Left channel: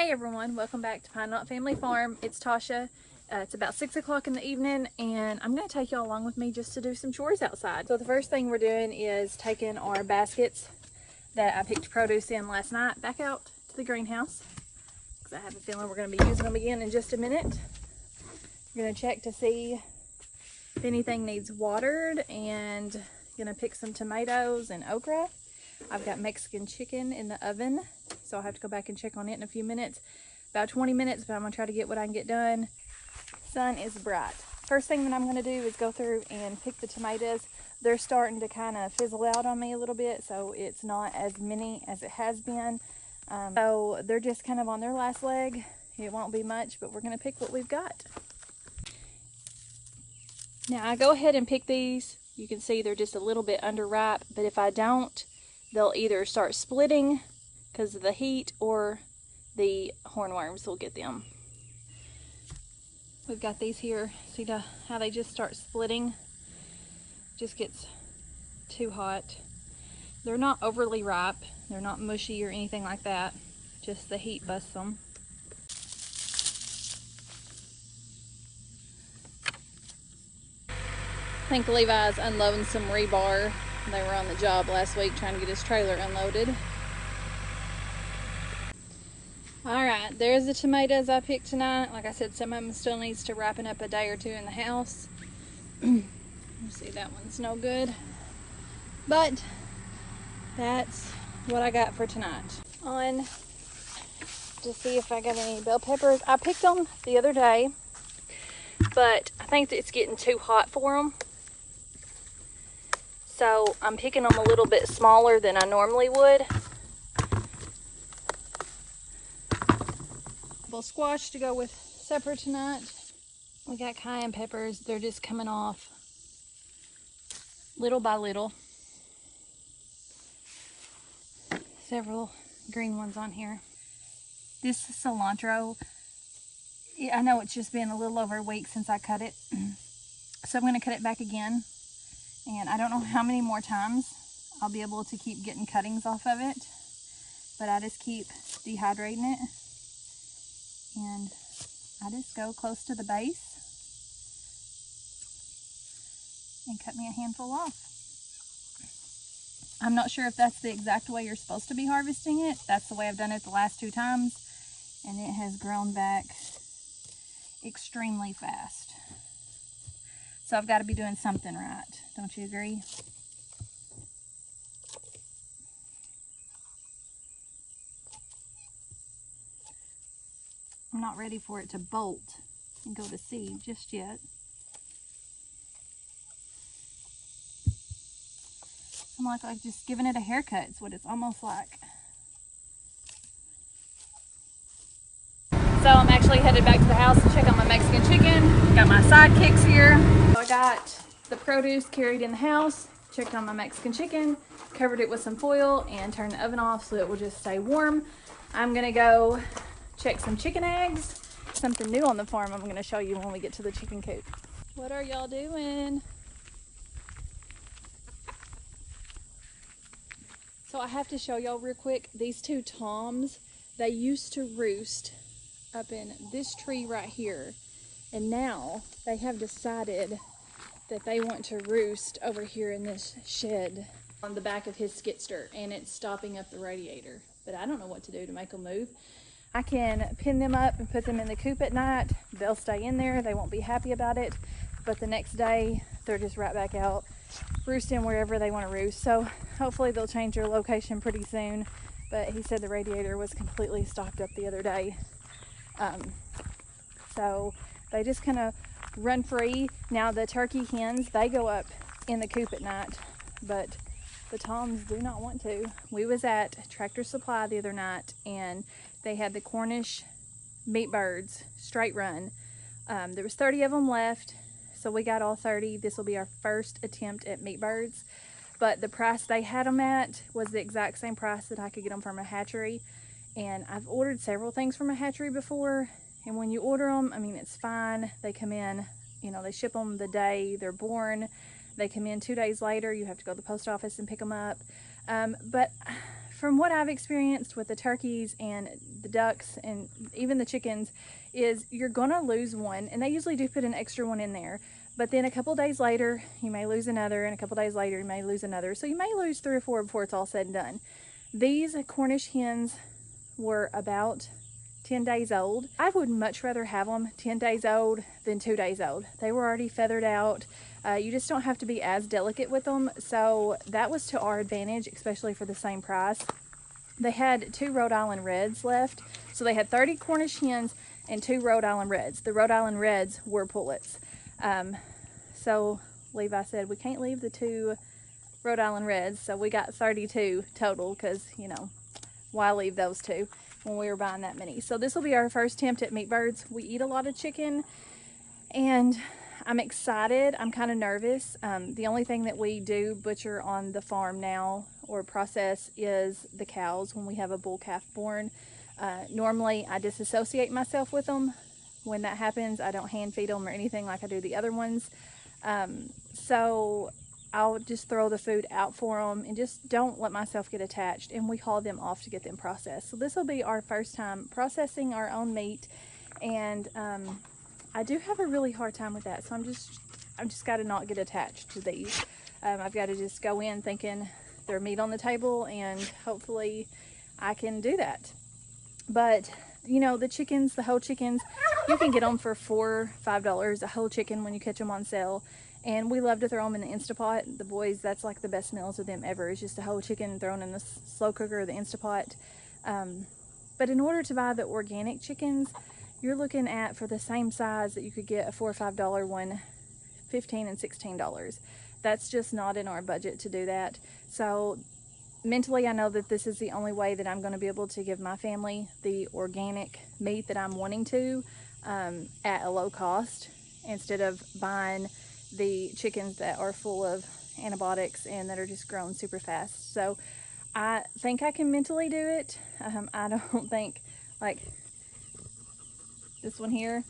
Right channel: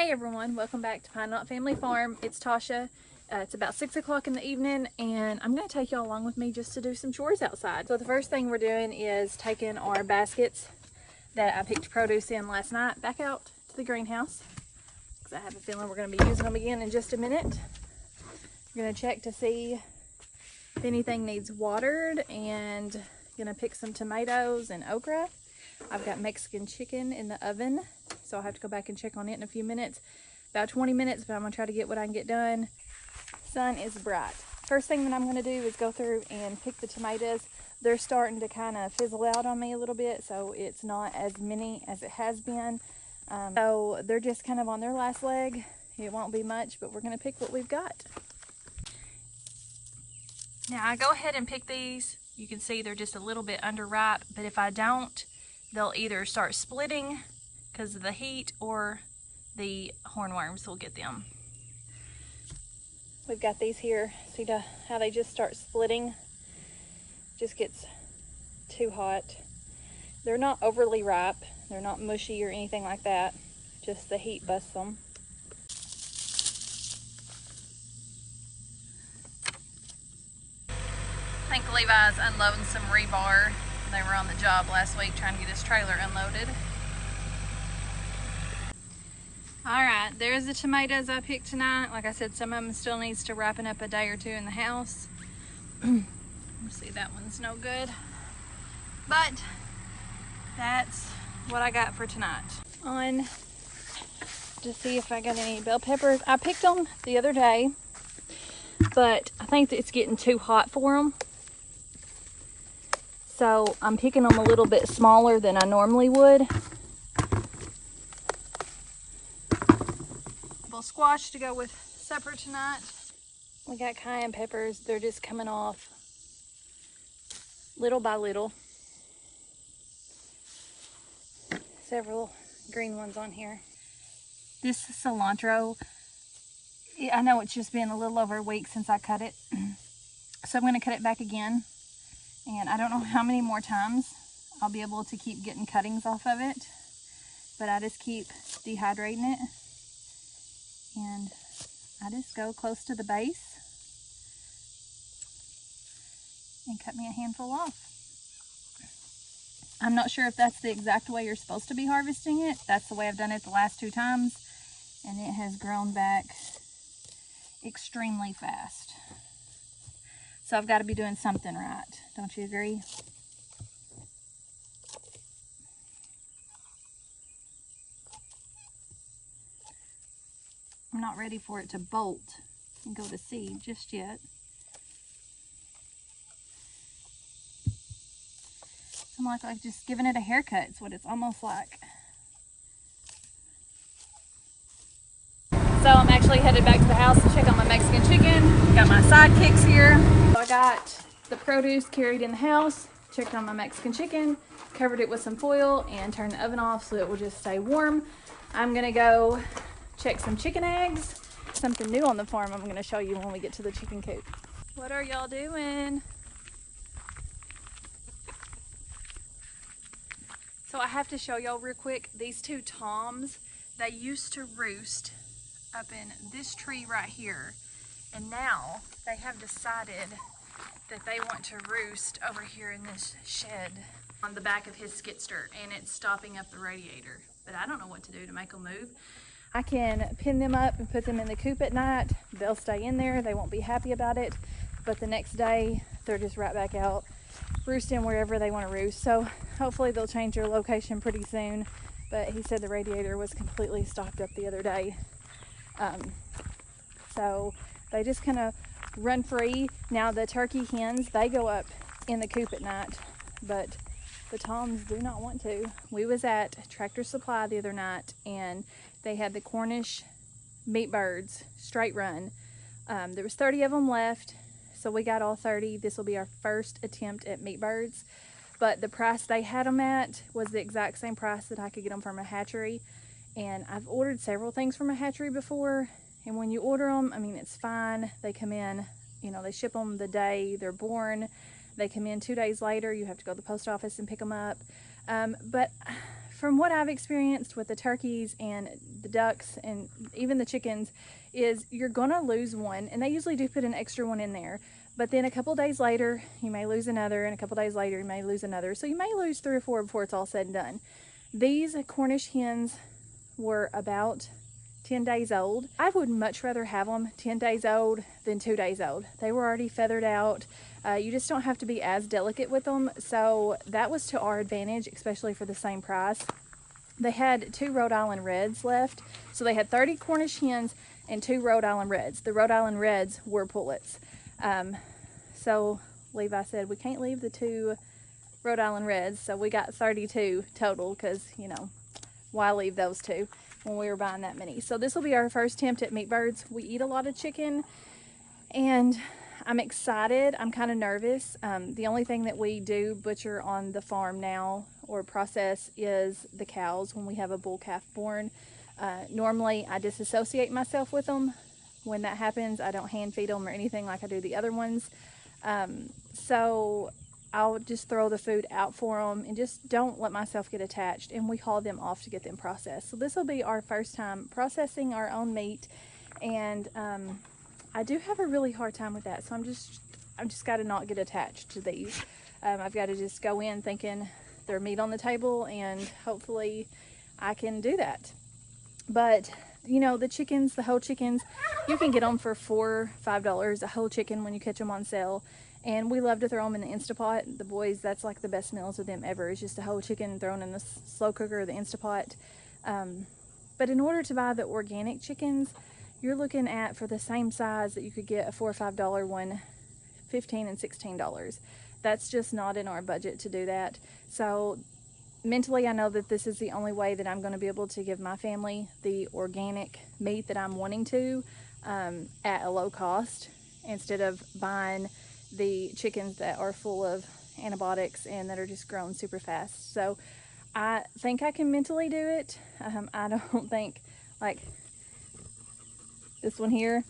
Hey everyone, welcome back to Pine Knot Family Farm. It's Tasha. It's about 6 o'clock in the evening and I'm going to take y'all along with me just to do some chores outside. So the first thing we're doing is taking our baskets that I picked produce in last night back out to the greenhouse, because I have a feeling we're going to be using them again in just a minute. We're going to check to see if anything needs watered, and going to pick some tomatoes and okra. I've got Mexican chicken in the oven, so I'll have to go back and check on it in a few minutes. About 20 minutes, but I'm going to try to get what I can get done. Sun is bright. First thing that I'm going to do is go through and pick the tomatoes. They're starting to kind of fizzle out on me a little bit, so it's not as many as it has been. So they're just kind of on their last leg. It won't be much, but we're going to pick what we've got. Now I go ahead and pick these. You can see they're just a little bit underripe, but if I don't, they'll either start splitting because of the heat, or the hornworms will get them. We've got these here. See how they just start splitting? Just gets too hot. They're not overly ripe. They're not mushy or anything like that. Just the heat busts them. I think Levi's unloading some rebar. They were on the job last week trying to get his trailer unloaded. Alright, there's the tomatoes I picked tonight. Like I said, some of them still needs to ripen up a day or two in the house. See, that one's no good. But that's what I got for tonight. On to see if I got any bell peppers. I picked them the other day, but I think it's getting too hot for them. So I'm picking them a little bit smaller than I normally would. Little squash to go with supper tonight. We got cayenne peppers. They're just coming off little by little. Several green ones on here. This cilantro, I know it's just been a little over a week since I cut it. So I'm going to cut it back again. And I don't know how many more times I'll be able to keep getting cuttings off of it. But I just keep dehydrating it. And I just go close to the base and cut me a handful off. I'm not sure if that's the exact way you're supposed to be harvesting it. That's the way I've done it the last 2 times. And it has grown back extremely fast. So I've got to be doing something right. Don't you agree? I'm not ready for it to bolt and go to seed just yet. I'm like just giving it a haircut. It's what it's almost like. So I'm actually headed back to the house to check on my Mexican chicken. Got my sidekicks here. So I got the produce carried in the house, checked on my Mexican chicken, covered it with some foil, and turned the oven off so it will just stay warm. I'm gonna go check some chicken eggs. Something new on the farm I'm gonna show you when we get to the chicken coop. What are y'all doing? So I have to show y'all real quick, these 2 toms, they used to roost up in this tree right here, and now they have decided that they want to roost over here in this shed on the back of his skidster, and it's stopping up the radiator. But I don't know what to do to make them move. I can pin them up and put them in the coop at night. They'll stay in there. They won't be happy about it, but the next day they're just right back out roosting wherever they want to roost. So hopefully they'll change their location pretty soon, but he said the radiator was completely stopped up the other day. So they just kind of run free. Now the turkey hens, they go up in the coop at night, but the toms do not want to. We was at Tractor Supply the other night, and they had the Cornish meat birds straight run. There was 30 of them left, so we got all 30. This will be our first attempt at meat birds, but the price they had them at was the exact same price that I could get them from a hatchery. And I've ordered several things from a hatchery before, and when you order them, I mean, it's fine. They come in, you know, they ship them the day they're born. They come in 2 days later. You have to go to the post office and pick them up. But from what I've experienced with the turkeys and the ducks and even the chickens is you're gonna lose one, and they usually do put an extra one in there, but then a couple days later you may lose another, and a couple days later you may lose another, so you may lose 3 or 4 before it's all said and done. These Cornish hens were about 10 days old. I would much rather have them 10 days old than 2 days old. They were already feathered out. You just don't have to be as delicate with them, so that was to our advantage, especially for the same price. They had 2 Rhode Island Reds left, so they had 30 Cornish hens and 2 Rhode Island Reds. The Rhode Island Reds were pullets. So Levi said we can't leave the 2 Rhode Island Reds, so we got 32 total, because, you know, why leave those 2 when we were buying that many? So this will be our first attempt at meat birds. We eat a lot of chicken, and I'm excited. I'm kind of nervous. The only thing that we do butcher on the farm now or process is the cows when we have a bull calf born. Normally I disassociate myself with them. When that happens, I don't hand feed them or anything like I do the other ones. So I'll just throw the food out for them and just don't let myself get attached, and we haul them off to get them processed. So this will be our first time processing our own meat, and I do have a really hard time with that, so I'm just got to not get attached to these. I've got to just go in thinking there's meat on the table, and hopefully I can do that. But you know, the chickens, the whole chickens, you can get them for $4 or $5 a whole chicken when you catch them on sale. And we love to throw them in the Instapot. The boys, that's like the best meals with them ever. It's just a whole chicken thrown in the slow cooker or the Instapot. But in order to buy the organic chickens, you're looking at, for the same size that you could get a $4 or $5 one, $15 and $16. That's just not in our budget to do that. So mentally, I know that this is the only way that I'm going to be able to give my family the organic meat that I'm wanting to, at a low cost, instead of buying the chickens that are full of antibiotics and that are just grown super fast. So I think I can mentally do it. I don't think, like this one here,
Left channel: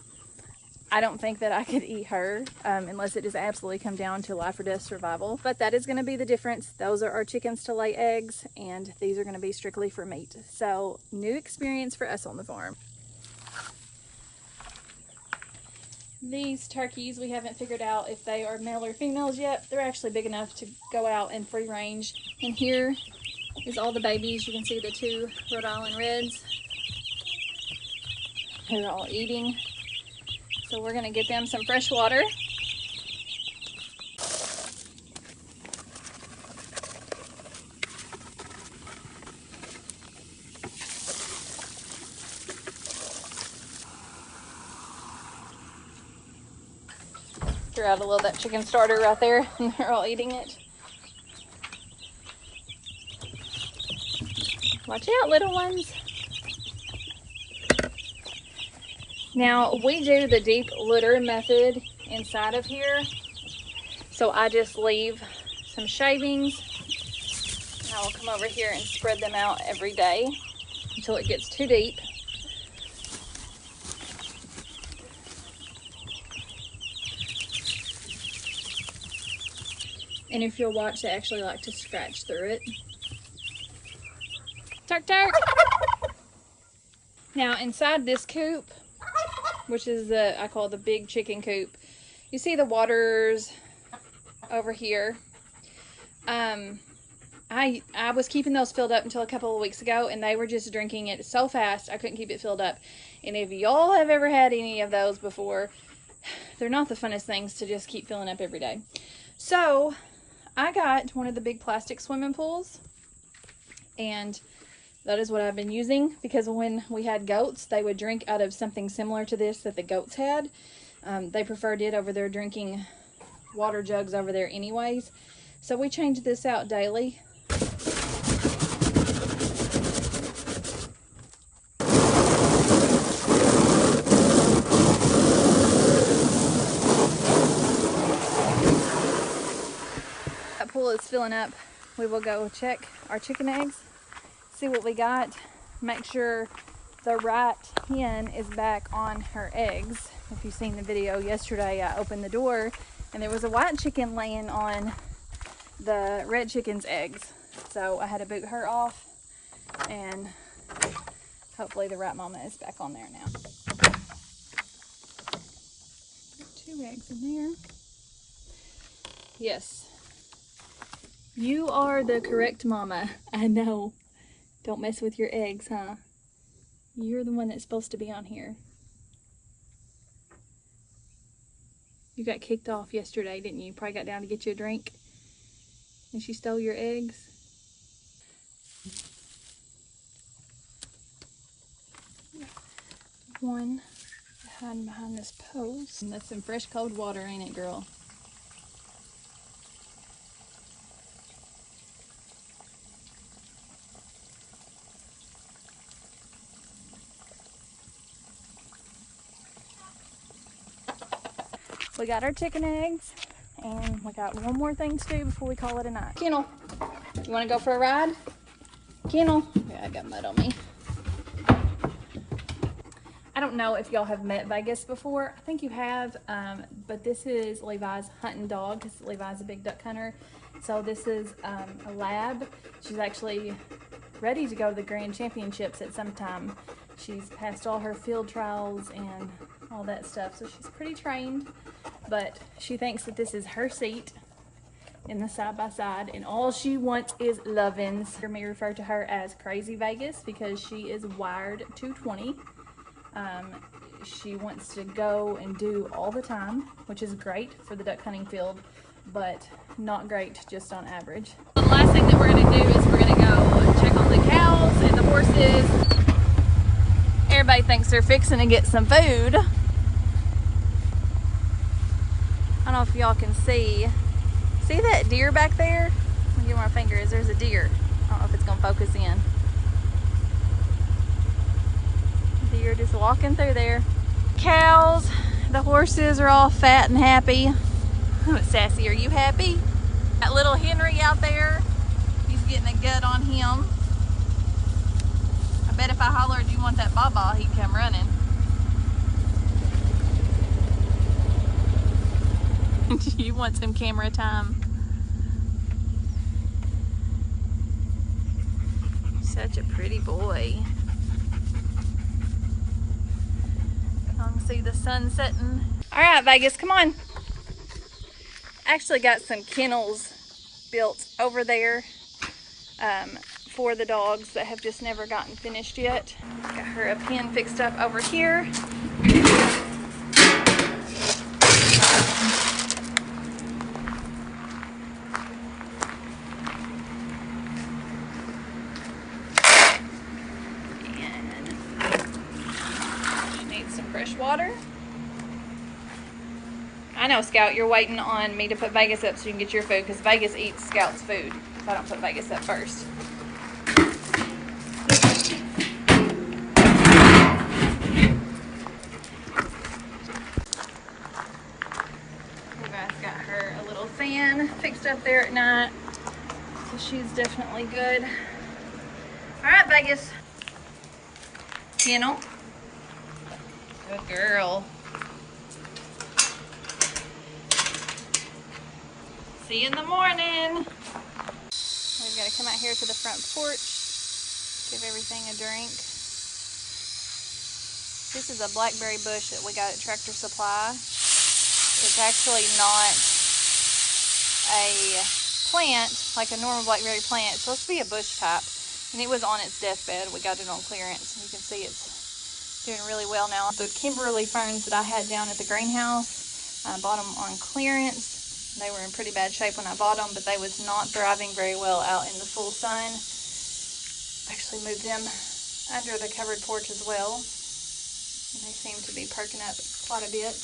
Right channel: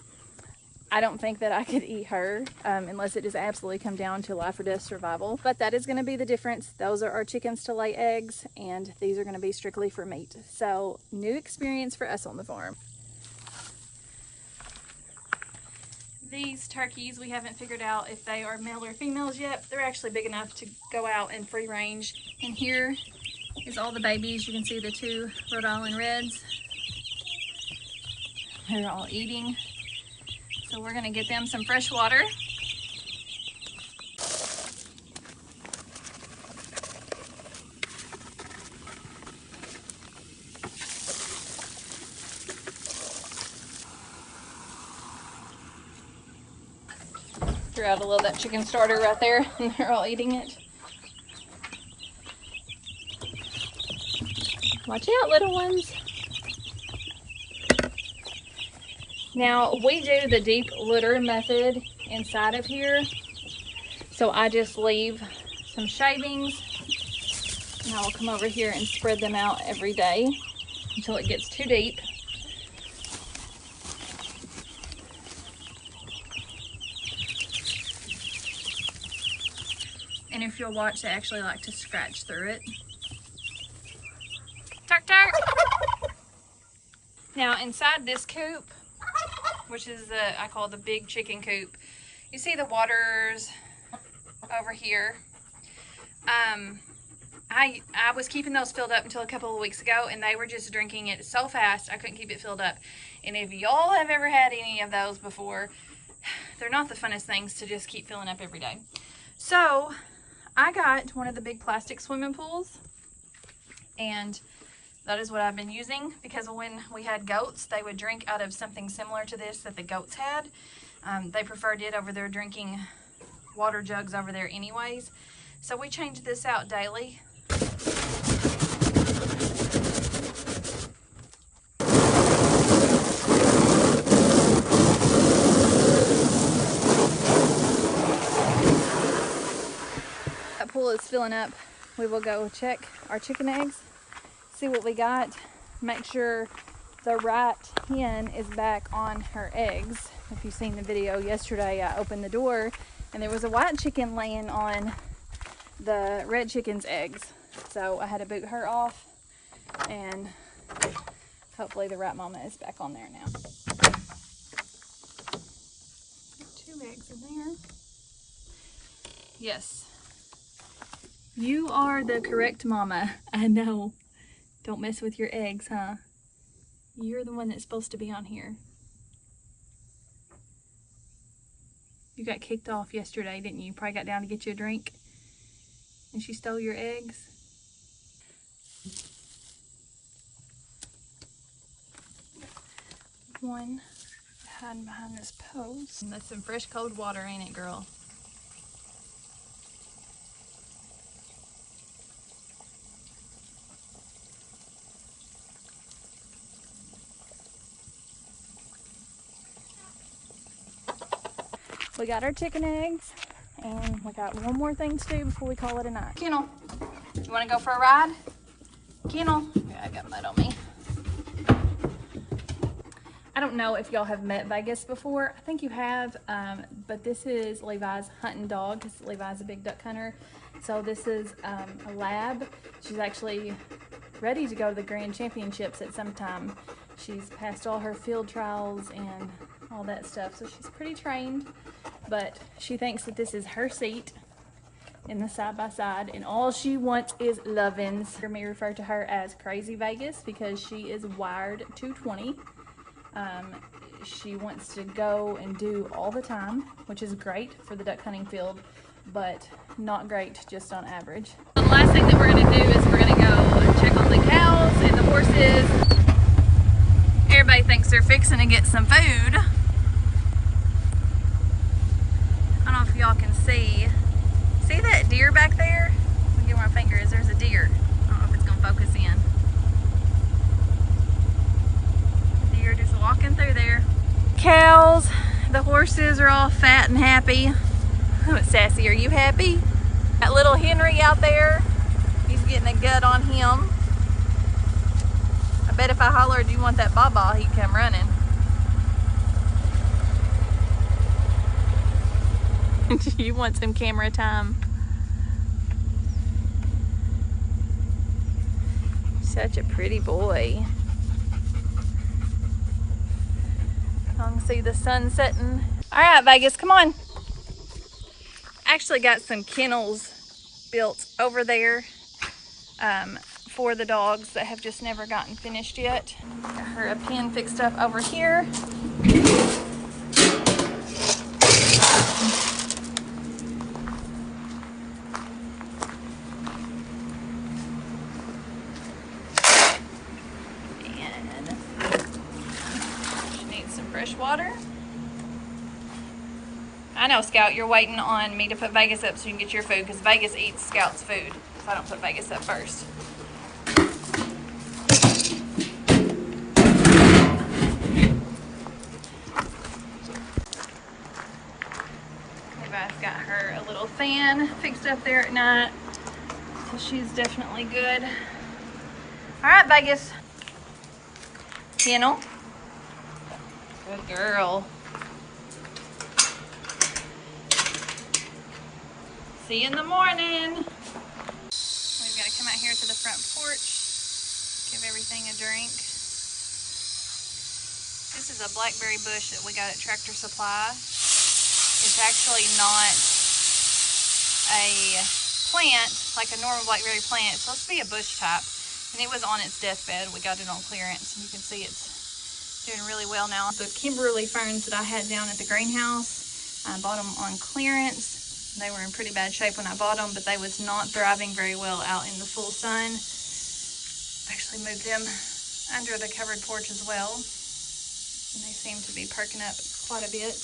I don't think that I could eat her unless it just absolutely come down to life or death survival. But that is going to be the difference. Those are our chickens to lay eggs, and these are going to be strictly for meat. So new experience for us on the farm. These turkeys, we haven't figured out if they are male or females yet. They're actually big enough to go out in free range. And here is all the babies. You can see the 2 Rhode Island Reds. They're all eating. So we're gonna get them some fresh water. Throw out a little of that chicken starter right there, and they're all eating it. Watch out, little ones. Now, we do the deep litter method inside of here. So I just leave some shavings, and I will come over here and spread them out every day until it gets too deep. And if you'll watch, they actually like to scratch through it. Turk, turk! Now, inside this coop, which is the, I call the big chicken coop, you see the waters over here. I was keeping those filled up until a couple of weeks ago, and they were just drinking it so fast I couldn't keep it filled up. And if y'all have ever had any of those before, they're not the funnest things to just keep filling up every day. So I got one of the big plastic swimming pools, and that is what I've been using, because when we had goats, they would drink out of something similar to this that the goats had. They preferred it over their drinking water jugs over there anyways. So we changed this out daily. That pool is filling up. We will go check our chicken eggs, see what we got, make sure the right hen is back on her eggs. If you've seen the video yesterday, I opened the door and there was a white chicken laying on the red chicken's eggs. So I had to boot her off And hopefully the right mama is back on there now. 2 eggs in there. Yes. You are the correct mama. I know. Don't mess with your eggs, huh? You're the one that's supposed to be on here. You got kicked off yesterday, didn't you? Probably got down to get you a drink. And she stole your eggs. One hiding behind this post. And that's some fresh cold water, ain't it, girl? We got our chicken eggs, and we got one more thing to do before we call it a night. Kennel, you want to go for a ride? Kennel. Yeah, I got mud on me. I don't know if y'all have met Vegas before. I think you have, but this is Levi's hunting dog because Levi's a big duck hunter. So this is a lab. She's actually ready to go to the Grand Championships at some time. She's passed all her field trials and all that stuff, so she's pretty trained, but she thinks that this is her seat in the side-by-side, and all she wants is lovin's. You may refer to her as Crazy Vegas because she is wired 220. She wants to go and do all the time, which is great for the duck hunting field, but not great just on average. The last thing that we're going to do is we're going to go check on the cows and the horses. Everybody thinks they're fixing to get some food. I don't know if y'all can see that deer back there? Let me give my fingers. There's a deer. I don't know if it's gonna focus in. Deer just walking through there. Cows, the horses are all fat and happy. Oh, Sassy, are you happy? That little Henry out there, he's getting a gut on him. I bet if I hollered, "Do you want that baba?" he'd come running. You want some camera time. Such a pretty boy. I can see the sun setting. All right, Vegas, come on. Actually got some kennels built over there for the dogs that have just never gotten finished yet. Got her a pen fixed up over here. Water. I know, Scout, you're waiting on me to put Vegas up so you can get your food because Vegas eats Scout's food if I don't put Vegas up first. Levi's got her a little fan fixed up there at night, so she's definitely good. All right, Vegas. Kennel. Good girl. See you in the morning. We've got to come out here to the front porch, give everything a drink. This is a blackberry bush that we got at Tractor Supply. It's actually not a plant like a normal blackberry plant. It's supposed to be a bush type, and it was on its deathbed. We got it on clearance, and you can see it's doing really well now. The Kimberly ferns that I had down at the greenhouse, I bought them on clearance. They were in pretty bad shape when I bought them, but they was not thriving very well out in the full sun. Actually moved them under the covered porch as well, and they seem to be perking up quite a bit.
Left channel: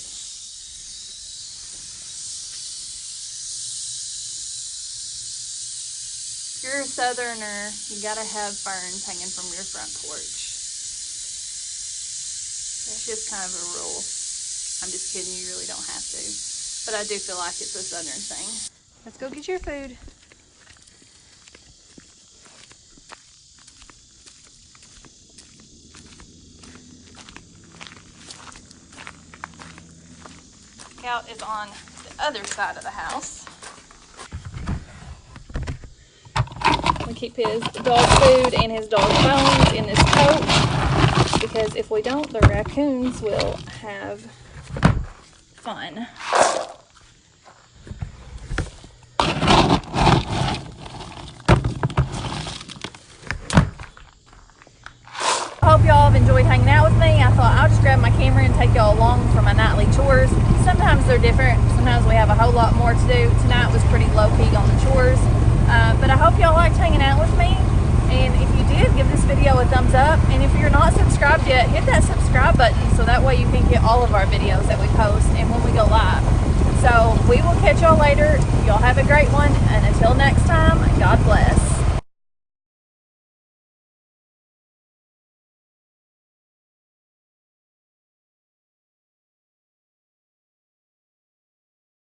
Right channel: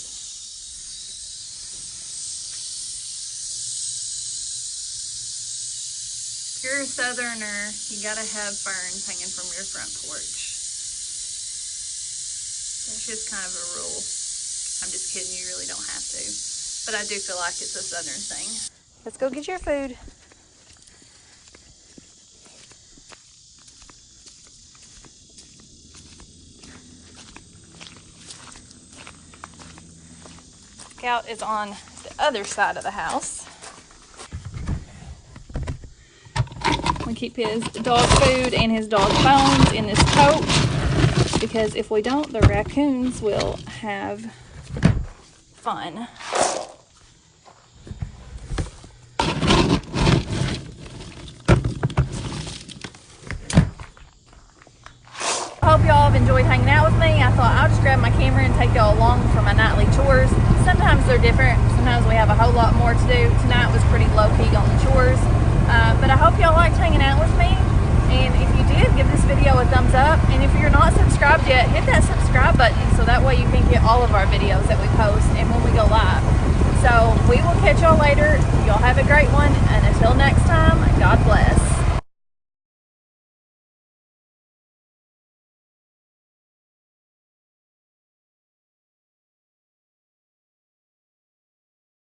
If you're a southerner, you gotta have ferns hanging from your front porch. It's just kind of a rule. I'm just kidding, you really don't have to. But I do feel like it's a southern thing. Let's go get your food. Scout is on the other side of the house. We keep his dog food and his dog bones in this pouch, because if we don't, the raccoons will have fun. I hope y'all have enjoyed hanging out with me. I thought I'll just grab my camera and take y'all along for my nightly chores. Sometimes they're different. Sometimes we have a whole lot more to do. Tonight was pretty low-key on the chores. But I hope y'all liked hanging out with me. And if you did, give this video a thumbs up. And if you're not subscribed yet, hit that subscribe button so that way you can get all of our videos that we post and when we go live. So we will catch y'all later. Y'all have a great one. And until next time, God bless.